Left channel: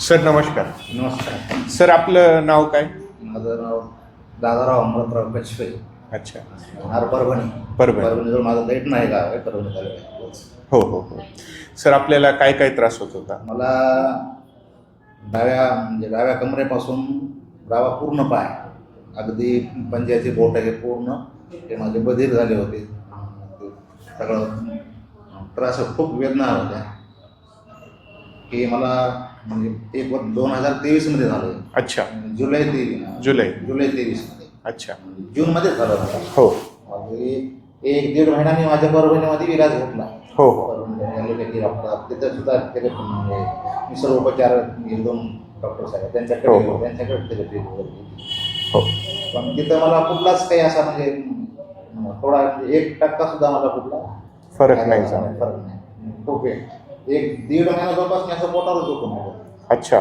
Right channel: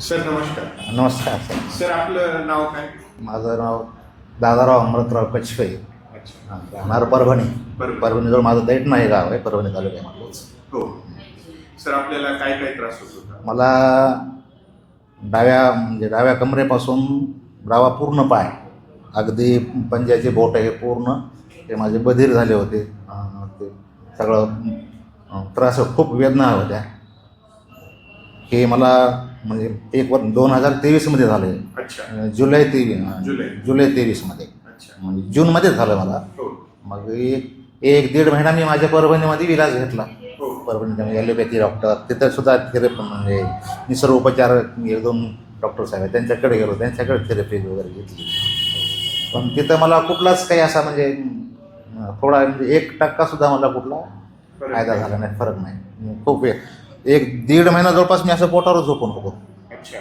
Sir नमस्कार. नमस्कार. Sir आपलं नाव काय? माझं नाव दादाराव अमृतराव कचपे. अच्छा. राहणार परभणी. परभणी. परभणीजवळ माझं दैठ नाही गाव आहे परभणी तालुक्यामधलंच. हो हो हो. सर आपल्याला काय काय त्रास होत होता? मला डाव्या म्हणजे डाव्या कमरेपासून डावा पूर्ण पाय अगदी पंजाचे बोट हे पूर्ण ते माझे बधीर झाले होते. ते सगळं त्रास खूप वेदना होत्या. हे मला म्हणजे एक वर दोन हजार तेवीसमध्ये झाले अच्छा. जुलै तेवीस जुलै. जुलै तेवीसमध्ये. अच्छा. म्हणजे जूनमध्येच झालं मला. हो. मग एक एक दीड महिना मी माझ्या परभणीमध्ये इलाज घेतला. हो हो. परभणी ॲलोपॅथी डॉक्टर तिथं सुद्धा थेरपी म्हणजे निसर्गोपचार एक दोन डॉक्टर साहेब त्यांच्याकडे हो. गेलो. त्यांच्याकडे थेरपी वगैरे घेतली. हो. पण तिथं मला कुठलाच काही असा म्हणजे थोडा म्हणजे एक टक्का सुद्धा मला कुठला फरक नाही फरक नाही. खूप वेळ. एक दीड महिना जवळपास मी असं पोटावर झोपून होतो. अच्छा.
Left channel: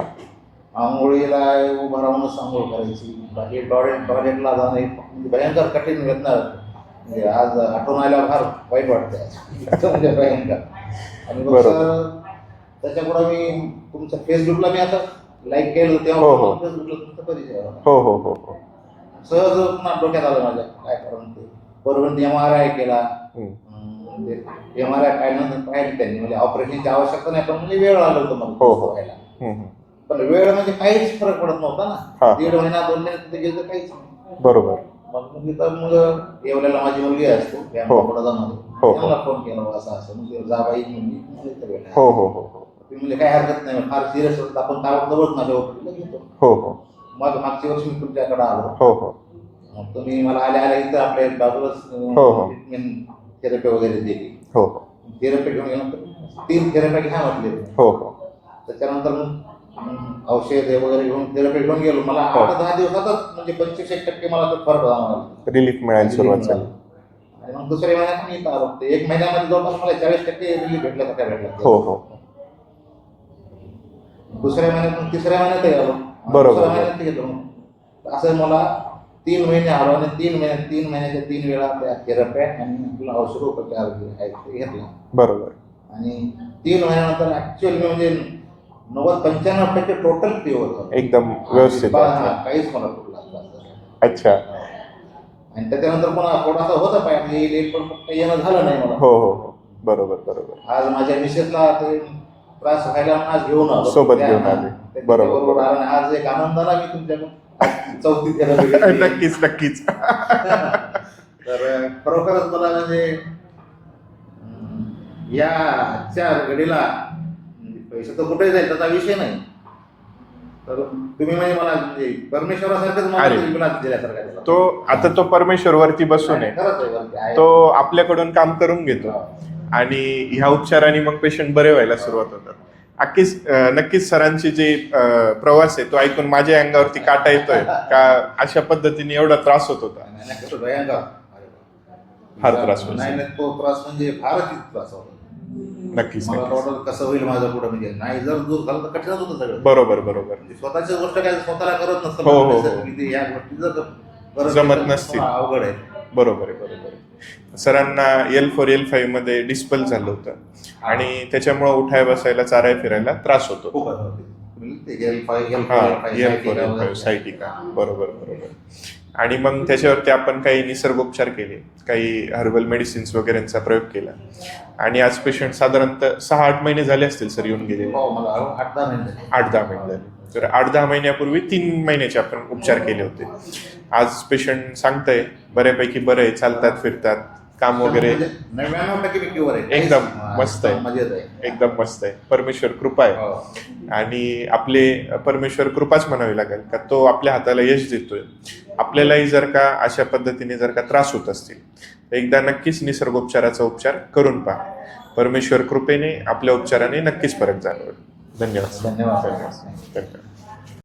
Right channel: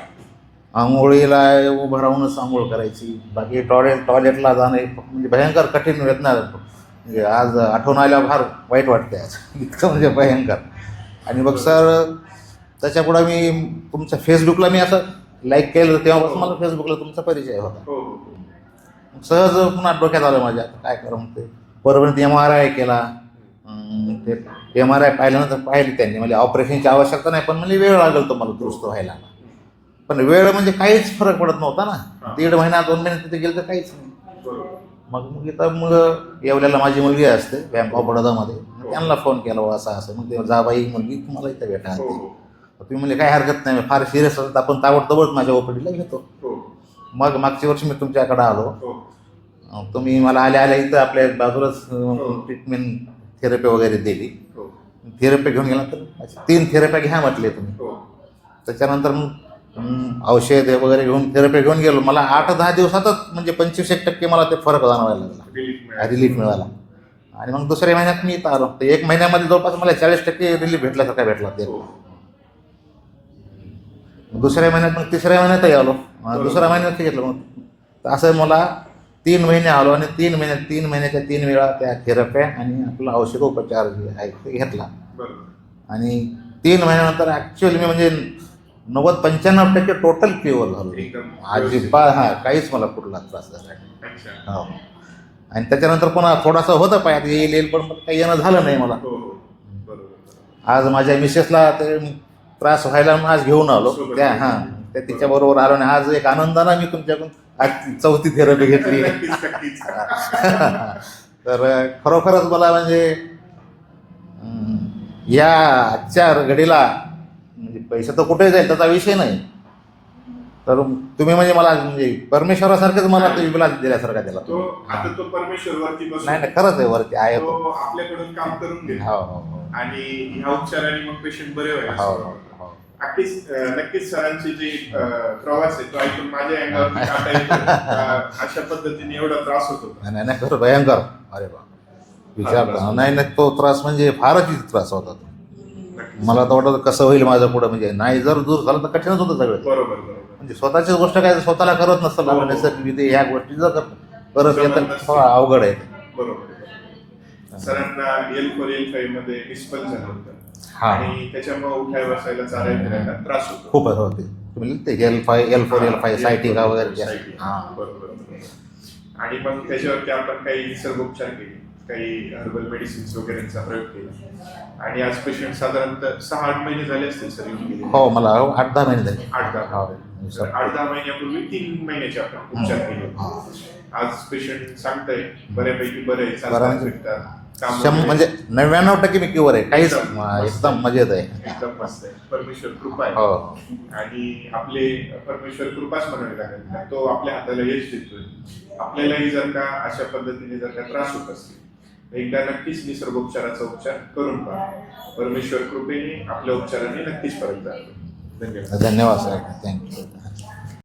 आंघोळीला उभं राहूनच आंघोळ करायची बाकी टॉयलेट टॉयलेटला जाणं हे म्हणजे भयंकर कठीण वेदना म्हणजे आज आठवण आल्यावर फार वाईट वाटते आज. इतकं म्हणजे भयंकर. आणि मग. सर त्याच्यापुढं मी तुमच्या फेसबुकला मी असं लाईक केलं हो, तेव्हा हो. मला फेसबुकला तुमचा परिचय होता. हो हो हो हो. सहज पुन्हा डोक्यात आलं माझ्या काय करा म्हणते. परभणीत एम आर आय केला. ते एम आर आय पाहिल्यानंतर पाहिले त्यांनी. म्हणजे ऑपरेशनची आवश्यकता नाही पण म्हणजे वेळ लागला होतो मला हो, हो. व्हायला हम्म. पण वेळ म्हणजे काहीच फरक पडत नव्हता. ना. दीड महिना दोन महिने तिथे गेलं तर काहीच नाही. बरोबर. मग मग इथं मग येवल्याला माझी मुलगी असते बँक. ऑफ बडोदामध्ये हो. त्यांना फोन केला असं असं. मग ते जाबाई मुलगी तुम्हाला इथे हो हो हो. तुम्ही म्हणजे काय हरकत नाही फार सिरियस असत आपण ताबडतोबच माझ्या ओपीडीला घेतो. हो हो. मग मागच्या वर्षी मी तुमच्याकडे आलो. हो हो. तुम्ही मला आल्या आल्या इथं आपल्या बाजूलाच. ट्रीटमेंट थेरपी वगैरे दिली. हो हो. थेरपी घेऊन गेल्यानंतर तीन थेरप्या घ्या म्हटले तुम्ही. हो हो. त्याच्यानंतर मग औषध वगैरे घेऊन थेरपी घेऊन गेलो. मला आठ हो. दहा दिवसातच म्हणजे पंचवीस एक टक्के मला ते फरक जाणवायला लागला. रिलीफ रिलीफ मिळाला. आणि मग दुसऱ्या महिन्यात मी इथं आलो. तर एक महिन्यामध्ये जवळपास मला चाळीस टक्के रिलीफ भेटल्यासारखा भेटला. हो हो. दुसऱ्या महिन्यात मग तिसऱ्या महिन्यातही आलो. दुसऱ्या महिन्यात घेतलं मग. असं मला तीन महिने आलो आणि तीन महिन्यात तीन महिन्याच्या तीन वेळा त्या थेरप्या आणि आपला औषधोपचार जे आहे ते घेतला. बरोबर. आणि तीन महिन्यानंतर ऍक्च्युअली मी म्हणजे नव्वद पंच्याण्णव टक्के टोटल क्युअर झालो. एकदम हा काहीच मला कुठला त्रास झाला. अच्छा. हो. आणि त्याच्यानंतर पुन्हा थोडासा होतं पायात येईल येईल पण काही येणं झालं नाही मला. हो हो हो. बरोबर बरोबर. आज माझ्या मिसेसला ते त्रास व्हायला म्हणून आज घेऊन आलो. सोबत त्या- घेऊन हा, आले. आणि आज एक आनंदाला मी तुमच्याकडून आज चौथी थेरपी घेतली. नक्कीच नक्कीच. तर खरोखरच मला म्हणजे अं, या आजच्या घडीला म्हणजे पैसा तर कुठे जाईल त्याचा विषय नाही. तर तुम्ही म्हणजे मला म्हणजे परमेश्वरासारखंच मला आहे. विलास दिल्यासारखा दिला. तो आता तो परमेश्वर वरती बसून नाही, आहे. नाही, खरंच आहे वरती आहे. तो आपल्याकडून काम करून घेतो. हो, हो, हो. आणि ह्या उपचाराने मग पेशंट बरे व्हायला सुरुवात होतात. हो. नक्कीच नक्कीच सरांचे जे प्रवास आहे तो ऐकून माझ्या अंगावरती काटा येतोय का अशा पद्धतीने एवढा त्रास होत होता नाही, नाही खरं भयंकर अरे बा. नाही नाही तो त्रास म्हणजे फारच त्रास होता तो. नक्कीच मला तर वाटत कसं होईल माझं पुढं म्हणजे नाही जर दूर झालं तर कठीणच होतं सगळं बरोबर बरोबर म्हणजे स्वतःची गोष्ट काय स्वतःला करत हो, नसतं हो, हो. ते ह्या गोष्टी जर करत अवघड आहे बरोबर आहे बरोबर सरांना एल फोर एल फाईव्हमध्ये डिस्पल झालं होतं. आणि त्याच्यामुळे उठाय बसायला चाराय फिरायला त्रास होतो. खूप L five L four L sciatica. बरोबर बरोबर. आणि मग त्याच्यावरती आपण काही निसर्गोपचार केले. काही हर्बल मेडिसिन्स वगैरेंचा प्रयोग केला. आणि आज पेशंट साधारणतः सहा आठ महिने झाले असतील सर येऊन गेले हो मला आठ दहा महिने झाले. आठ दहा महिने आठ दहा महिन्यापूर्वी तीन महिन्याचे आपण उपचार केले होते. आज पेशंट सांगताय बऱ्यापैकी बरं आहे चालतात. फिरतात काम वगैरे. म्हणजे नव्याण्णव टक्के मी क्युअर आहे. एकदम मस्त मजेत आहे. एकदम मस्त आहे. परमेश्वर कृपा आहे. हो. आणि आपले परमेश्वर कृपाच म्हणावी लागेल का तो आपल्या हाताला यश देतोय. आपल्यालाही जर का अशा पद्धतीने जर का त्रास होत असतील तर एकदा नक्कीच निसर्गोपचाराचा उपचार करून पहा. परमेश्वर कृपेने आपल्या उपचाराने नक्कीच फरक जाणवेल. धन्यवाद. धन्यवाद सर. थँक्यू